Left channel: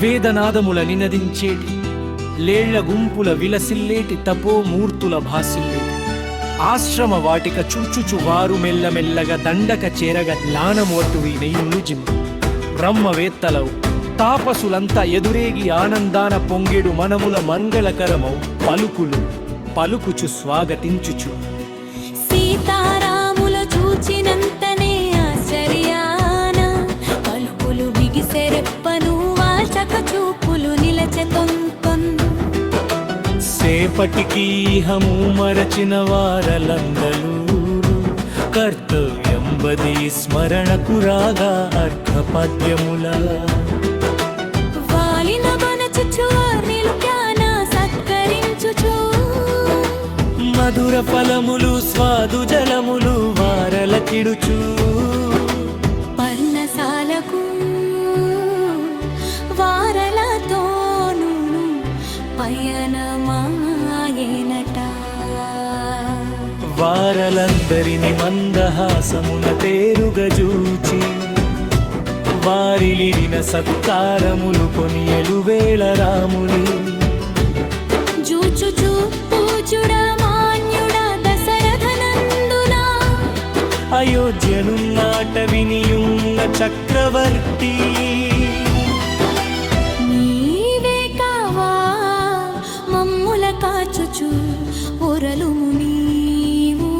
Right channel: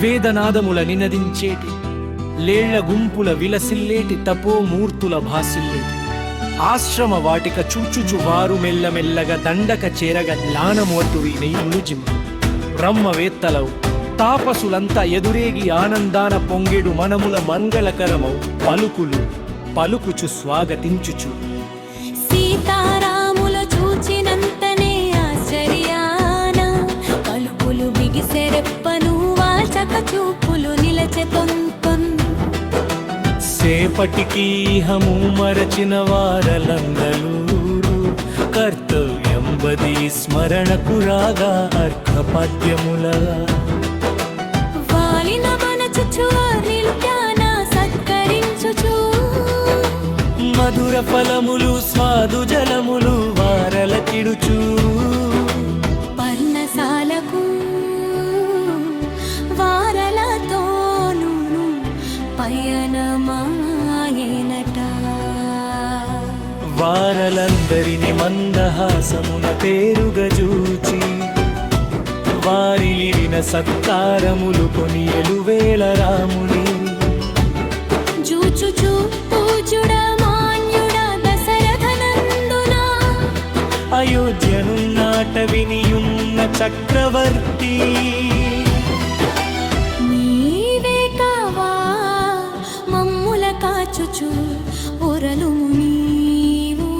వేదనాదముల నినదించేటి లేళ్ల గుంపుల విలసిల్లేటి తపోమూర్తుల భాసిల్లేటి ఆశ్రమ వాటిక చూచుచు వారు మెల్లమెల్లగా దండక చేరగ జ్ఞానమోటువి నెయ్యులు జిమ్మ బ్రహ్మవేత్తలవు తాపసులంతా ఎదురేగి ఆనందాన పొంగెడు మనముల మంగళకరమౌ పలుకులు పలుకుచు స్వాగతించుచు సీతారాముల చూచినంతనే ఆశ్చర్యాన పలుకులు బిగిసెరెప్పను వాచక చూపులు నిలచెతొంతొన్ సేపటికి హము మరచిన వారలందలూరు కర్తవ్యం బది స్మరణకు రాగా అర్ఘపద్యముల వాలిన బనచుచు నిలుప్యాన సత్కరించుచు మధుర ఫలములు స్వాదు జలములు వారల కిడుచు పర్ణశాలకు వారలతోను పయనమాయేనట వారలందరిని మందహాసమున తేరుగజూచి వారిలిరిన సత్కారములు కొనియలువేళ రాముని జూచుచు పూజుడ మాన్యుడ దశరథనందునా అయోధ్యనున్నాట వినియున్న చక్రవర్తి నీవే కావా మమ్ముల కాచుచు ఒరలుము నీవు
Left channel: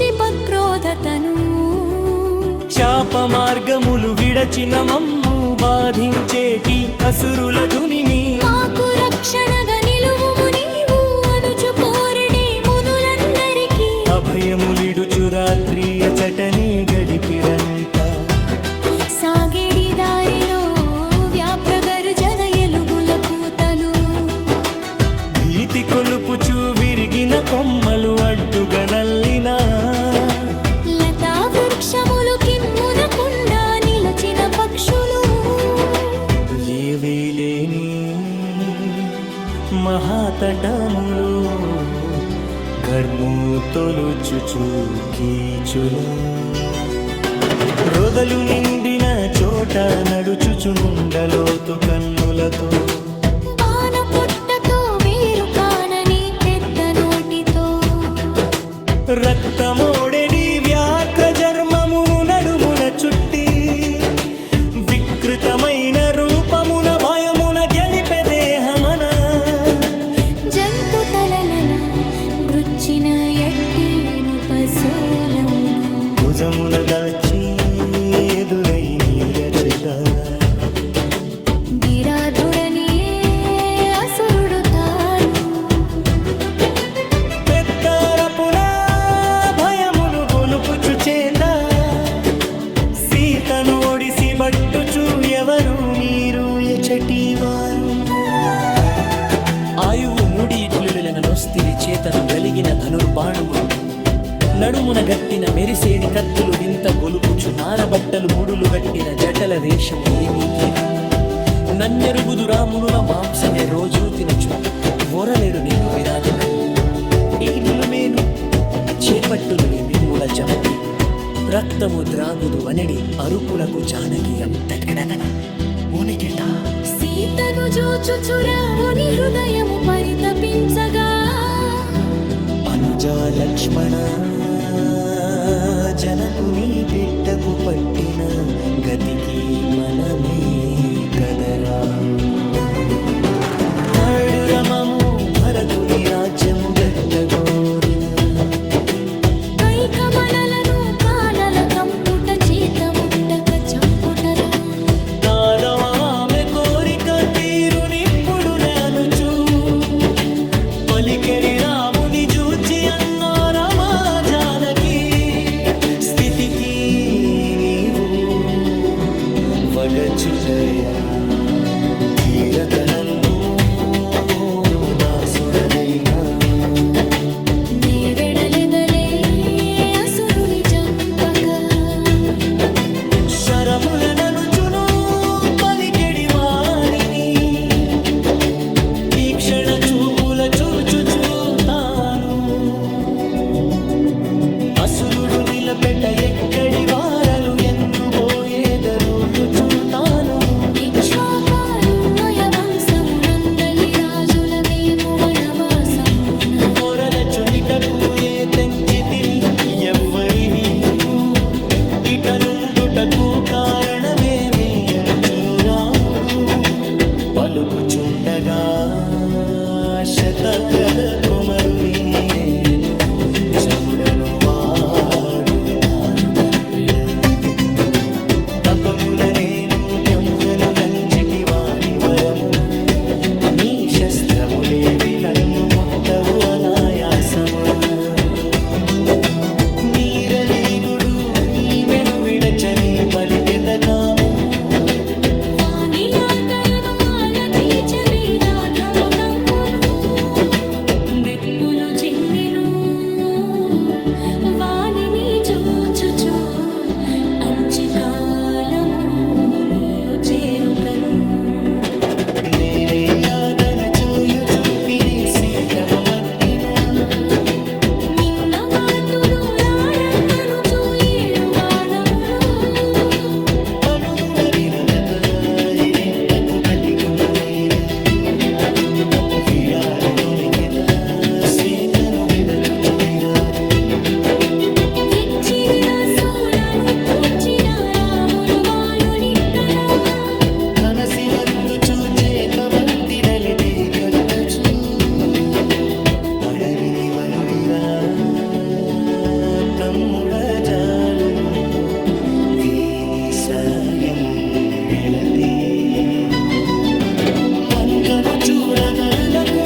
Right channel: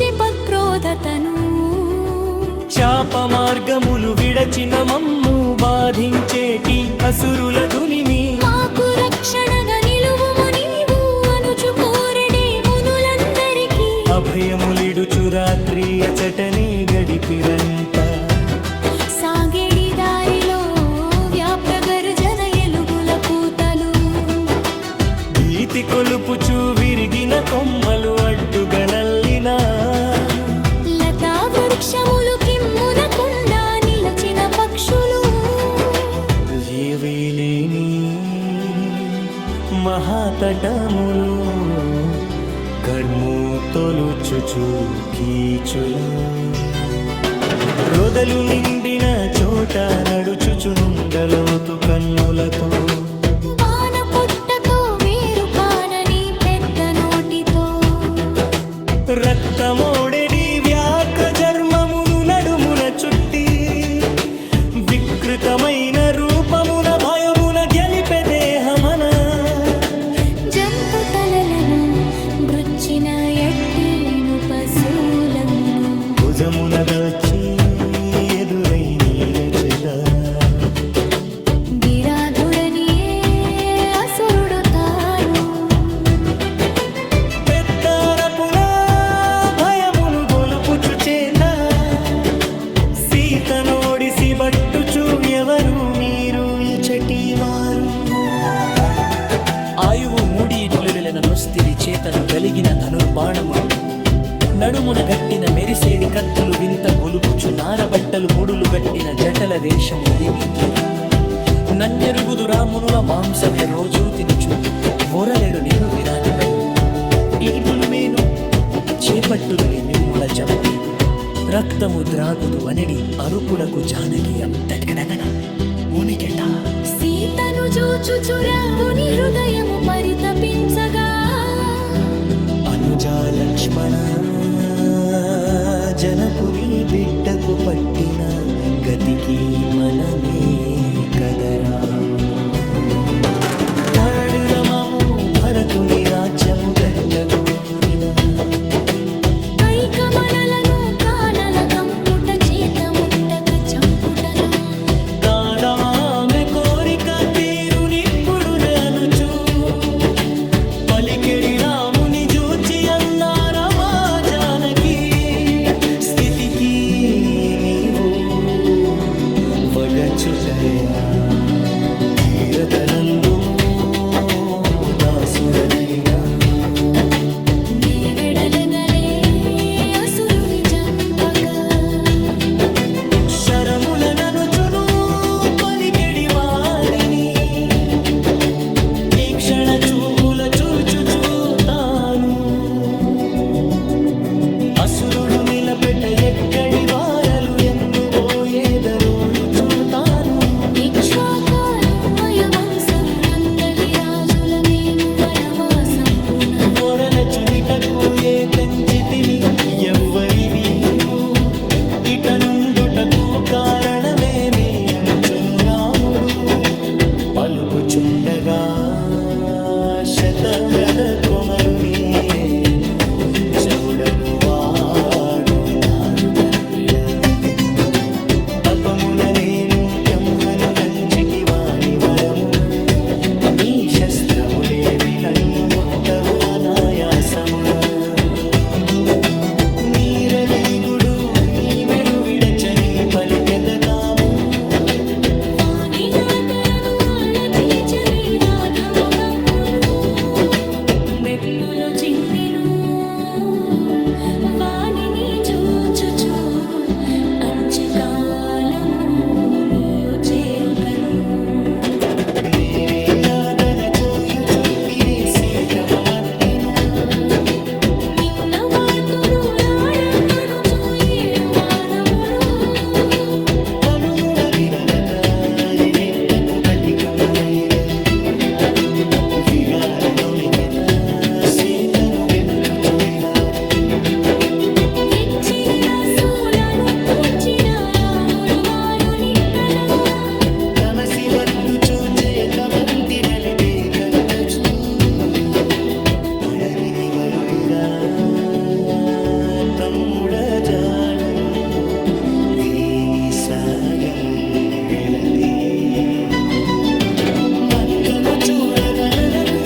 జిపక్రోధతను శాప మార్గములు విడచిన మమ్ము బాధించేటి అసురుల ధునిని మాకు రక్షణగా నిలువుము నీవు అనుచు కోరడే మునులందరికీ అభయములిడుచు రాత్రి అచటనే గడిపిరంట సాగేడి దారిలో వ్యాప్రగర్జన ఎలుగుల కూతలు భీతి కొలుపుచు విరిగిన కొమ్మలు అడ్డుగా నల్లినా లతా వృక్షములు కిమ్మునకుండా నిలచిన పక్షులు జీవేలేని మహాతటములు గర్ము తొలుచుచు కీచుల రొదలు నిండిన చోట నడుచుచునుండలోతు కన్నులతో వాన పుట్టతో వేరు కానని పెద్ద నోటితో రక్తమోడెడి వ్యాఘ్ర చర్మమును నడుమున చుట్టి వికృతమైన రూపమున భయమున గెలిపె దేహమన జంతు తలలను మృచ్చిన ఎట్టిను పశూలమును భుజమున దచ్చి ఎదురై నీలచెదరా గిరాధుడనియే అసురుడు తాను బెత్తరపున భయమును గొలుపుచు చేత సీతను ఒడిసి బట్టుచు ఎవరు మీరు ఎచటి వారు ఆయువు మూడి ఇట్లులెన నొస్తిరి చేతను గలిగిన ధనుర్బాణములు నడుమున గట్టిన మెరిసేడి కత్తులు వింత గొలుపుచు నారబట్టలు ముడులు గట్టిన జటల వేషము ఏమీతి నన్నెరుగుదు రామునుల మాంసమే రోజూ తినుచు ఒరలెడు నేను విరాదులని ఇల్లులు మేను చేపట్టులు మిమ్ముల జంపి రక్తము ద్రాగుదు అనెడి అరుపులకు జానకి అంతటకడన ఓనికెట సీతను జూచుచురావుని హృదయము పరితపించగా అనుజా లక్ష్మణ జనకుని బిడ్డకు పట్టిన గతికి మనమే కదరాము రమము భరతుని రాజ్యము గట్టగోరిన కైకమనలను కానల కంపుట చేత ముట్టక చంపుటలో కాదవామె కోరిక తీరునిప్పుడు అనుచు పలికెడి రాముని జూచి అన్నారమా జానకి స్థితికి నీవు వగచుటయా గీరతనందుము దాసుడనైనా నే వెడలెదలే అసురుని జంపక శరములననుచును పలికెడి వాణిని ఈ క్షణ చూపుల చూచుచూ తాను అసురుడు నిలపెట ఎక్కడి వారలు ఎందుబోయేదరుయు తాను ఇక్ష్వాకాన్మయ వంశమునందలి రాజుల మేము వనవాసంబున పొరలచునిటకు ఏ తెంచితిని ఎవ్వరి వీరు ఇట నుండుటకు కారణమేమే అనుచును రాముడు పలుకుచుండగా శతరథ కుమరుని నేను జవుడను వాడు నాదు తండ్రిలా తపమున నేను బ్రహ్మను గంచితి వాని వరమున నీ శస్త్రములేవి నన్ను ముట్టవు అనాయాసమున నీరలీగుడు ఈమెను విడచని పలికెద కాము వాని నాతరను ఆలతీచబీరాధము తమ్మును బెప్పులు జిమ్మెను వానిని చూచుచు అంచకాలము నీయు చేరుతను నేనే యాదన చోయు చూపిరి సీతము మట్టిన నిన్ను వాతును రాళమ్మను చూయేరు బాణములు పలుముల విరదక హిరిత్తకు పతికములైర విరాగులోనికెత సీతను వెదకుచు విరాదు విచ్చిరి రసూలను తుంచిన రాములు వాలులిక్కన కనసి వత్తు చూచేత బంతిరలితి కట్టచూ అడవిని వలుగిరా తమ్ముడ జాలును వీని సాయముండెరతి మంకను చూడదలునకు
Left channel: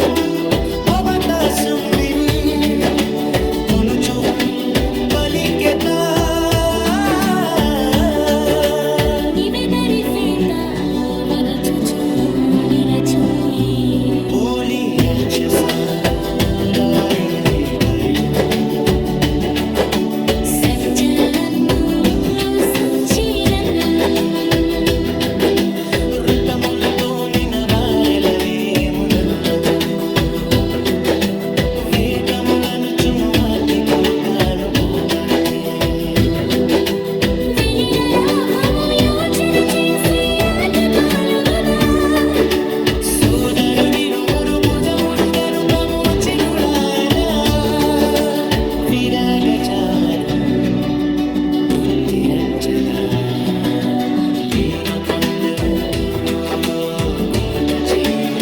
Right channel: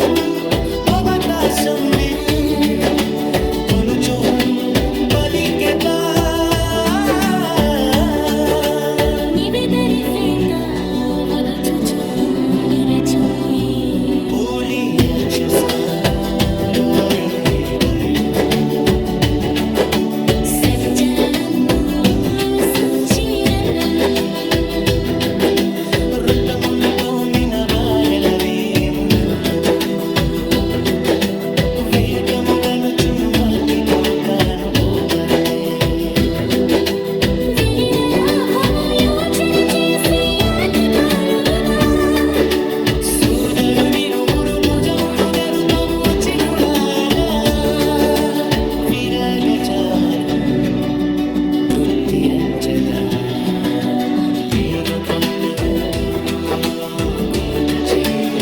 అవకాశం విరి కొనుచు పలికెత నివెదరి సేత వరచుచు నిలచూయి ఊలి అచ్చస దారినది బయలును సజ్జలను సుచ్చిరను ఋతములతో నిన వారెల వేమునుల్లో జంపు వేటములను చుమువాతి పోకాను పోకన్నే సూదరు విరుగురు భుజముడు గరుకము చిగులాయన విరాగ చామరు బుద్ధిరంచగా లేను కొందరు కూత చేయు